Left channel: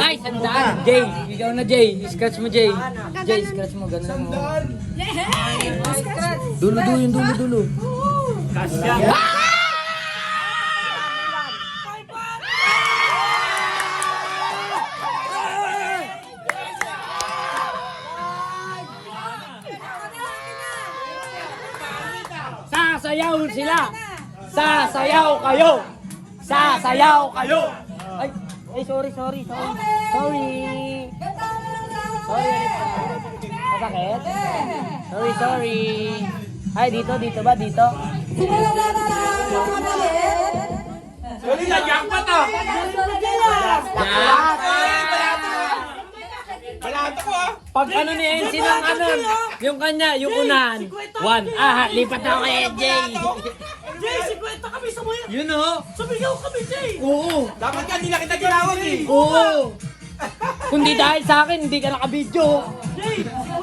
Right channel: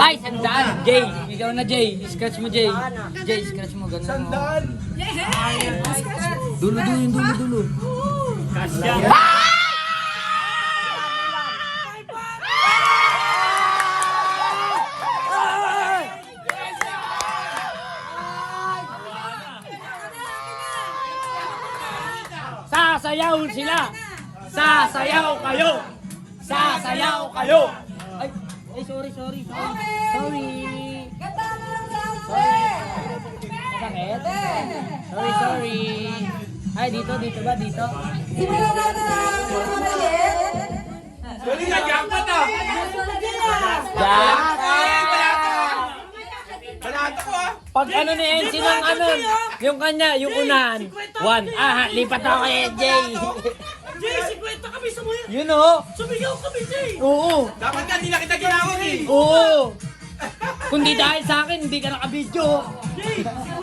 Ay, sandaan. Jay, ikaw na Jay. Scratch mo Jay. Jay, scratch mo. Ganun mo. Sandal. Dulo. Sasayaw sila. Sasayaw kayo. Sasayaw kayo. Ay, sorry. Sorry. Bakit? Sorry. Ay, dito ba? Dito? Dali na, jackpot ah. Jack! Balato ko ah. Pag ano ni NC ng ano, yung kanya, yung unahan. 1. Lipat ako kay Jay. Jay, 50 kami sa muya. Yun o. Sumigaw kami, Jay. Oo. Dapat ka, hindi na kita ginawag eh. Oo. Kung di dahil sa akin, hindi ka nakabidyo. Jay,